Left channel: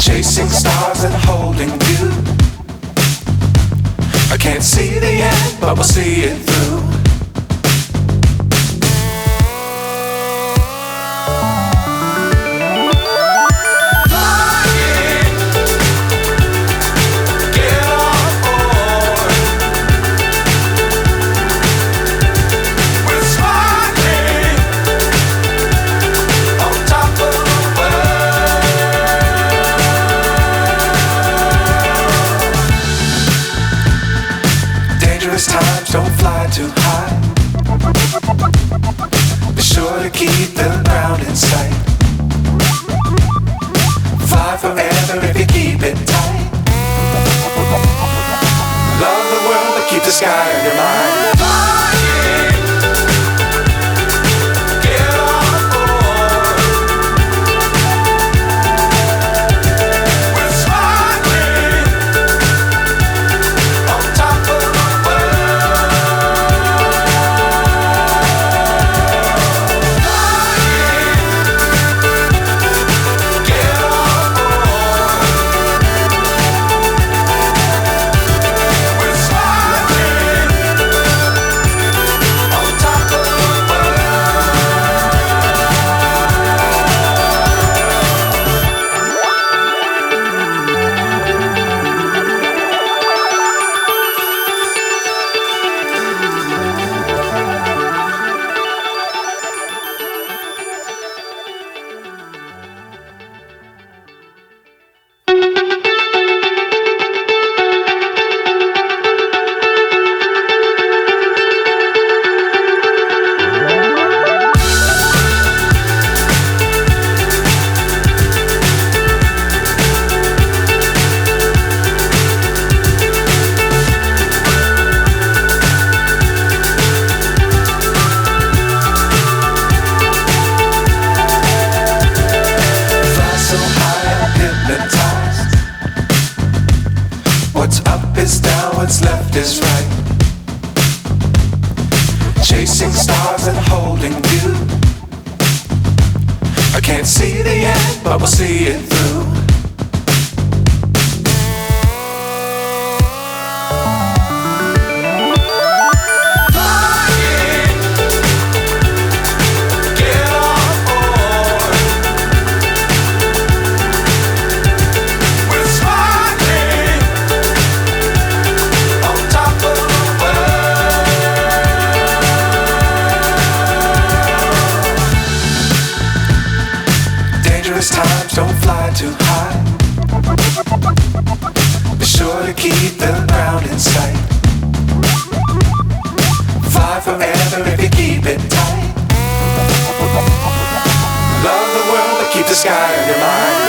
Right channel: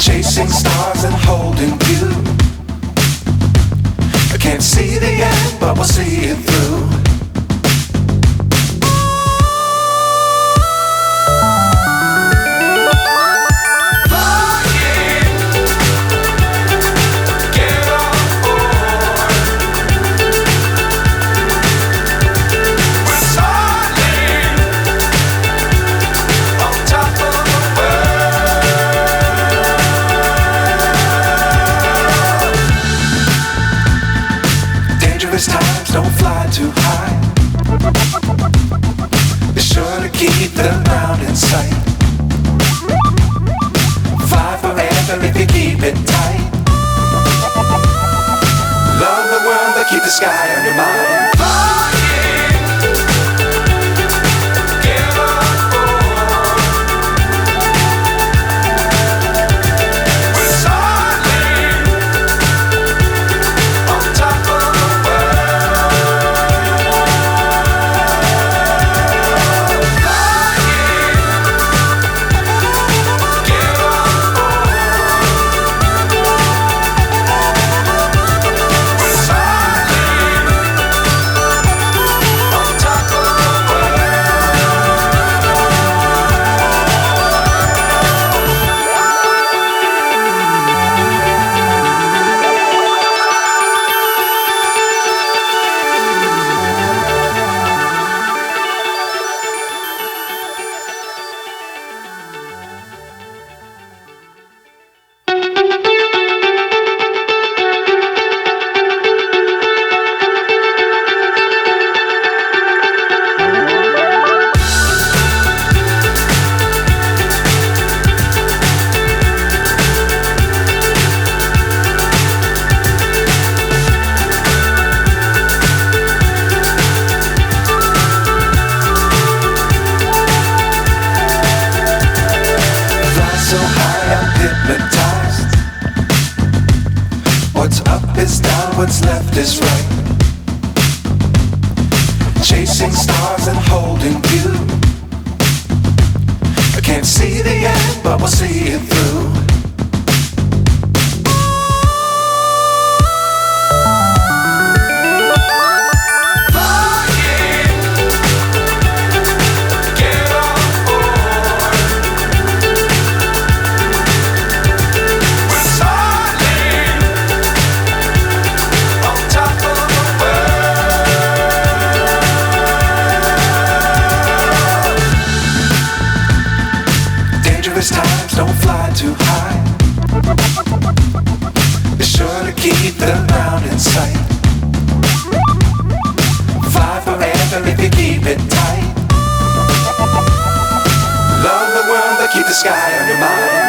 Chasing stars and holding you. I can't see the end, but we'll see it through. Times don't fly too high. Be sure to keep the ground in sight. Fly forever if you keep it tight. Love the world but keep the sky on your mind. So high I'm hypnotized. What's up is down, what's left is right. Chasing stars and holding you. I can't see the end, but we'll see it through. Times don't fly too high. Be sure to keep the ground in sight. Fly forever if you keep it tight. Love the world but keep the sky on your mind.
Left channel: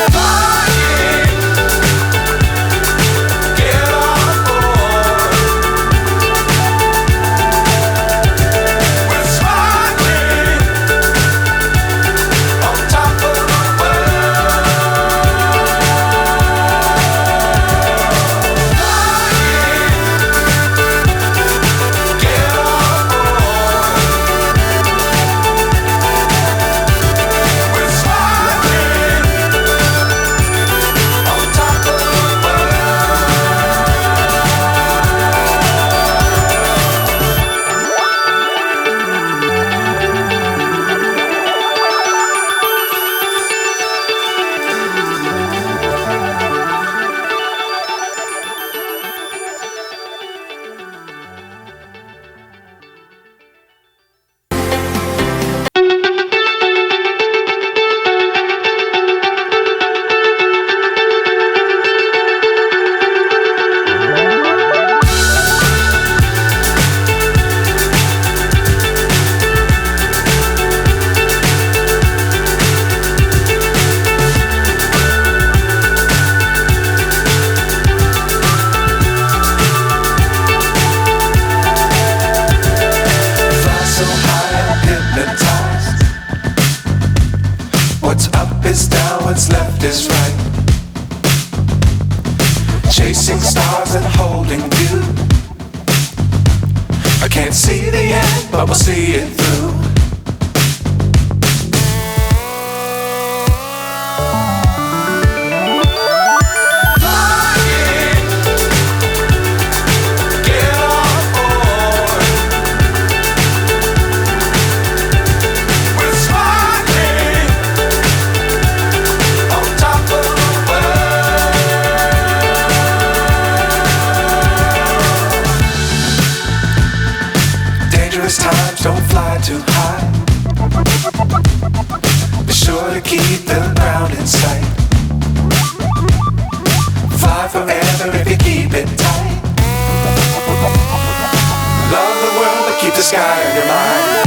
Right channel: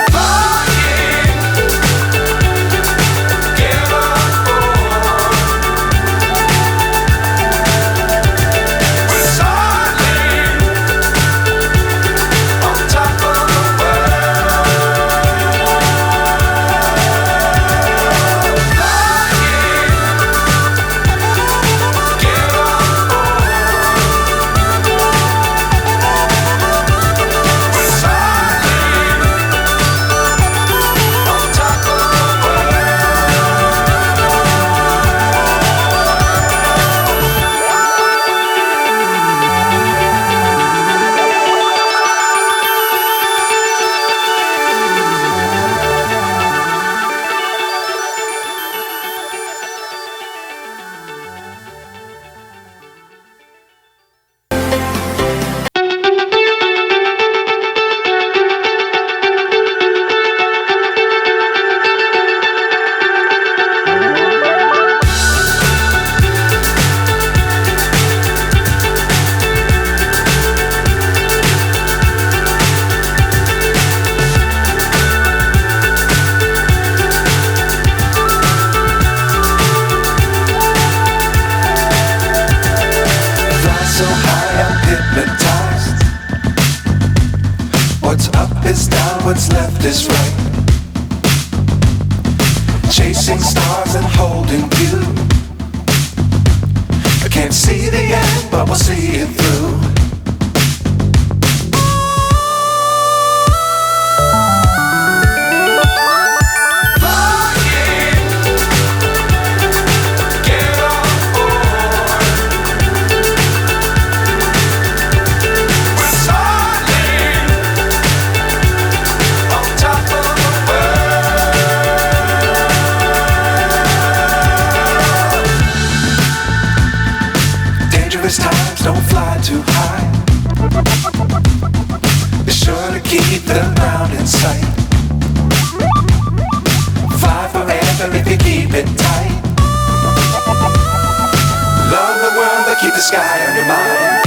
So high I'm hypnotized. What's up is down, what's left is right. Chasing stars and holding you. I can't see the end, but we'll see it through. ground in sight. Fly forever if you keep it tight. Love the world but keep the sky on your mind.